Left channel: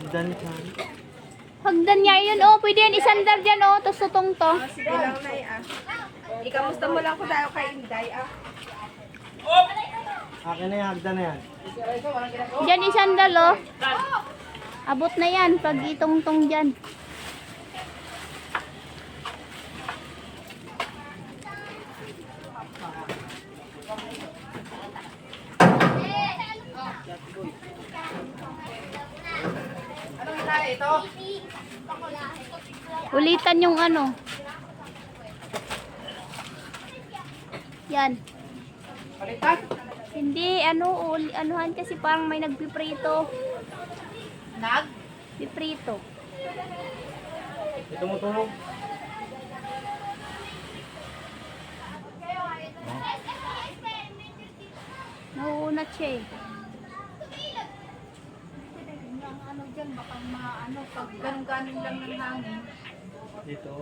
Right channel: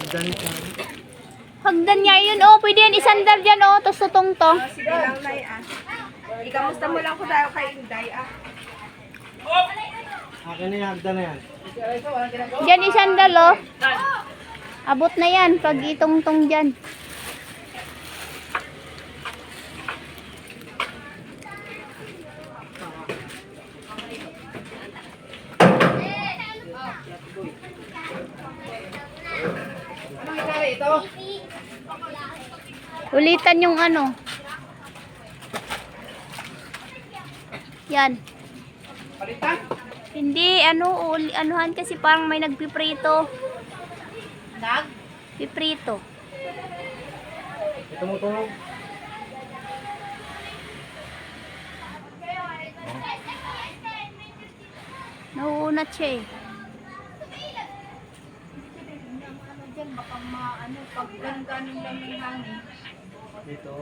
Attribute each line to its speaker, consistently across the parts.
Speaker 1: Hagdan niya yun, oh. Pwede yan isandal dyan, oh. Tapos tutong to.
Speaker 2: Sige lang na ikamusta mo lang ko tayo kay Inday,
Speaker 3: Akin na yan, hagdan na yan.
Speaker 1: Dyan isandal, oh. Abot na yan pag itong-tong dyan.
Speaker 2: Anong hinari ito?
Speaker 1: Ulitan yung ano. Yan.
Speaker 2: Palitan?
Speaker 1: Hindi, ano, anuhan kasi parang may nagpiprito. Piprito.
Speaker 3: Tumutulog.
Speaker 1: Nauunat siya eh.
Speaker 2: Ano dyan, baka pag ganun lang ng hangin.
Speaker 3: Dito,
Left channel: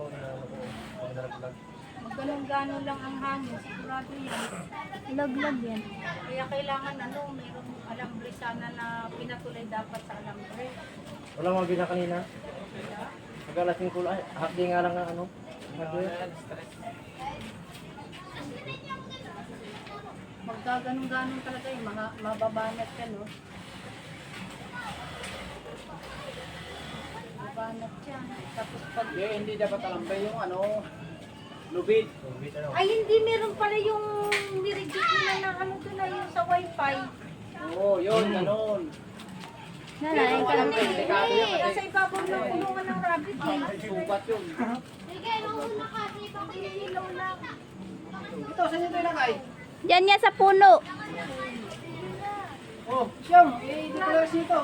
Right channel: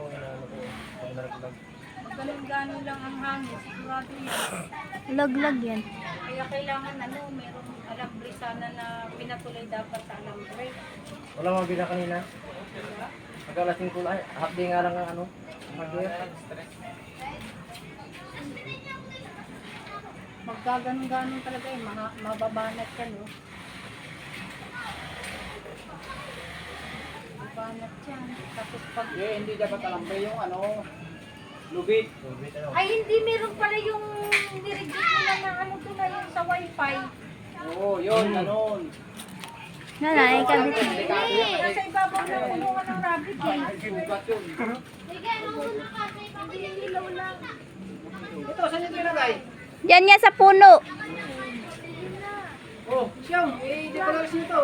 Speaker 2: Pag ganun lang ang hangin, sigurado yan.
Speaker 1: Laglag yan.
Speaker 2: Kaya kailangan mayroong alambre sana na pinatuloy dapat sa alambre.
Speaker 3: wala mga bina kanina. Magkalasing kulay. Hapdi nga lang ang ano. Mag-duet.
Speaker 2: Magkaganong-ganon talaga yung mga mababanat yan, no? Mababanat yan. Tapos pag...
Speaker 3: hindi dapat alambre yung ano. Lubid.
Speaker 2: Ay, hindi, meron pala yung nireject nila na ano doon na yung sa wifi.
Speaker 3: Oo, yun, ganun.
Speaker 1: Nanay, kami.
Speaker 2: Nasa ibabaw ng kulungan ng rabbit eh.
Speaker 3: Sugat yun. Ito, saan ito ilagay?
Speaker 1: Diyan niya sa puno.
Speaker 3: Oh, siyang, i-declare nito.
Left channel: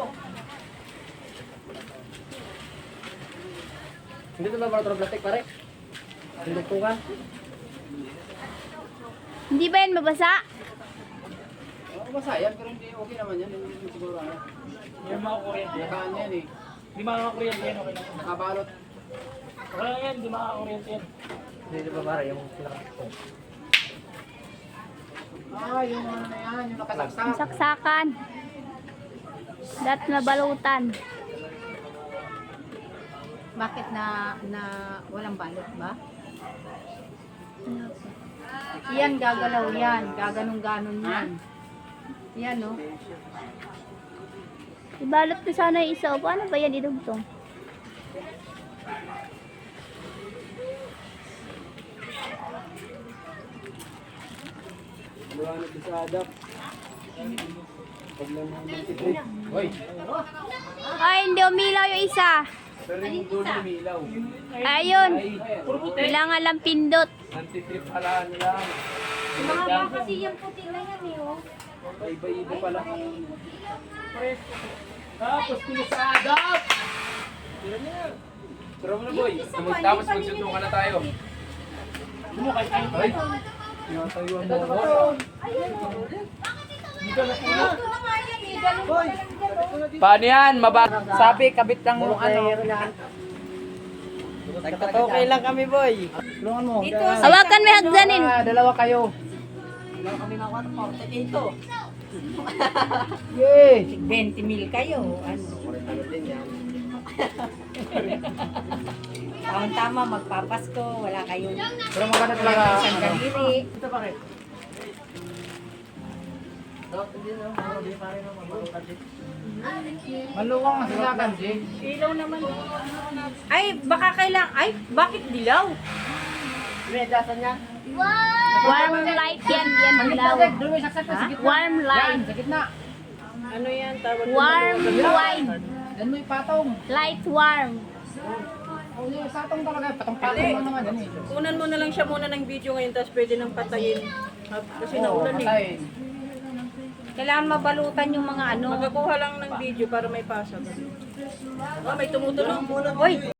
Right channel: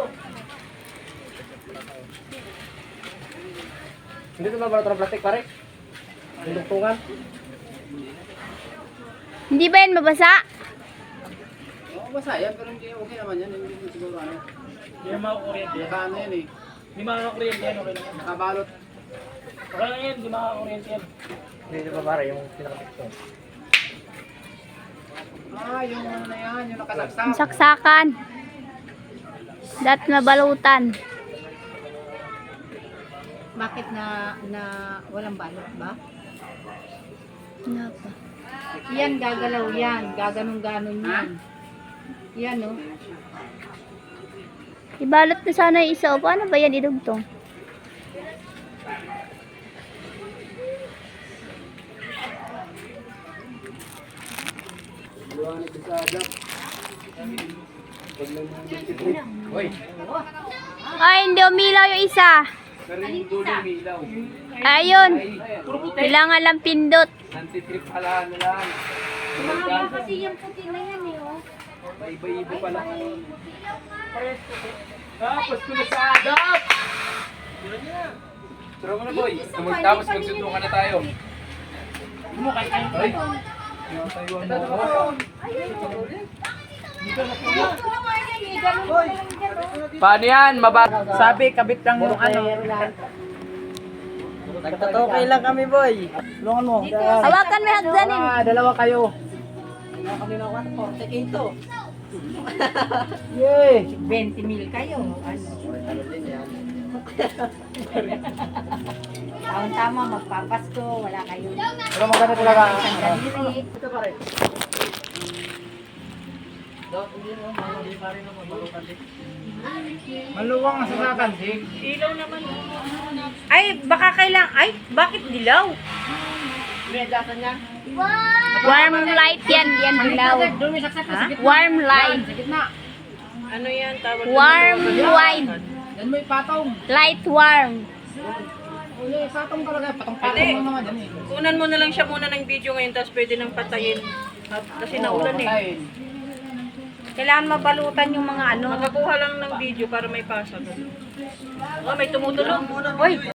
Speaker 3: Hindi ito ba para plastic pare? Yung dugtungan?
Speaker 1: Hindi ba yan mabasa?
Speaker 3: Oo, basa yan, pero hindi okay naman yan. Hindi mo siguro ano. Hindi makakuryente yan. Saan yan eh? Hindi makakuryente yan, okay lang. Nakabalot. Wala lang yan, hindi makakuryente yan. Hindi ba pare, yung pinakadugtong? Yung ano na yan, yung nakasaksak.
Speaker 1: Ang saksakan. Dat mabalutan.
Speaker 2: Bakit na walang balot ba?
Speaker 1: Ano pa?
Speaker 2: Yan, gagalaw yan. Gaganong-ganon yan. Yan, no?
Speaker 1: Ibalot na sana yung isa. O, paano ba yan idugtong?
Speaker 3: Hoy,
Speaker 1: Ay, hindi umilaw yung isa.
Speaker 3: pero yung dulo umilaw.
Speaker 1: Ayun. Kailangan lang pindot.
Speaker 3: Anti-trip pala nila.
Speaker 2: Mahaba kasi yung puti na yan, eh, oh.
Speaker 3: Iba-iba pala. Tapos pinasadap! Tulad niya. Tara mo na boy. Tapos magsutukan na tayo. Bumukay tayo. Ay! Yung tayo ang mo.
Speaker 2: Ito na nga yan, eh. Ganun pa lang dyan, oh.
Speaker 3: Paano yan? Sabi, kabit lang yung ano. Nagtatokay lang kami boy. Tulungan mo.
Speaker 1: Hawakan mo yung hagdanin.
Speaker 3: Dalawa kayo. Yay!
Speaker 2: 20 mil kayo. Ano? Tama, magpapasko, wala kayo.
Speaker 3: Pero maganda talaga.
Speaker 2: Isang kadiri.
Speaker 3: Ito pare. Maluwang ang sasakan, Jig.
Speaker 2: Ay, baka kailang. Ay, bakit dilaw?
Speaker 3: Medyasan niya.
Speaker 1: Warm light yan. Yan dilaw.
Speaker 3: Doon may saksak na sa gitna.
Speaker 1: Warm light.
Speaker 3: Sa gitna.
Speaker 2: Ano yan? Tawag
Speaker 1: Warm light.
Speaker 3: Yan mo yung patong.
Speaker 1: Light warm.
Speaker 3: Oh, yung patong talaga. Patong-patong lang naman yan eh.
Speaker 4: Kunan mo na lang siya muna ng video ngayon, tapos pwede nang patayin. Kasi naulan eh.
Speaker 3: Ay.
Speaker 2: Kailangan mabalutan yung mga ano.
Speaker 4: Makakuha lang ng video para may pasag. Oh, may tumutulong.
Speaker 2: Uy,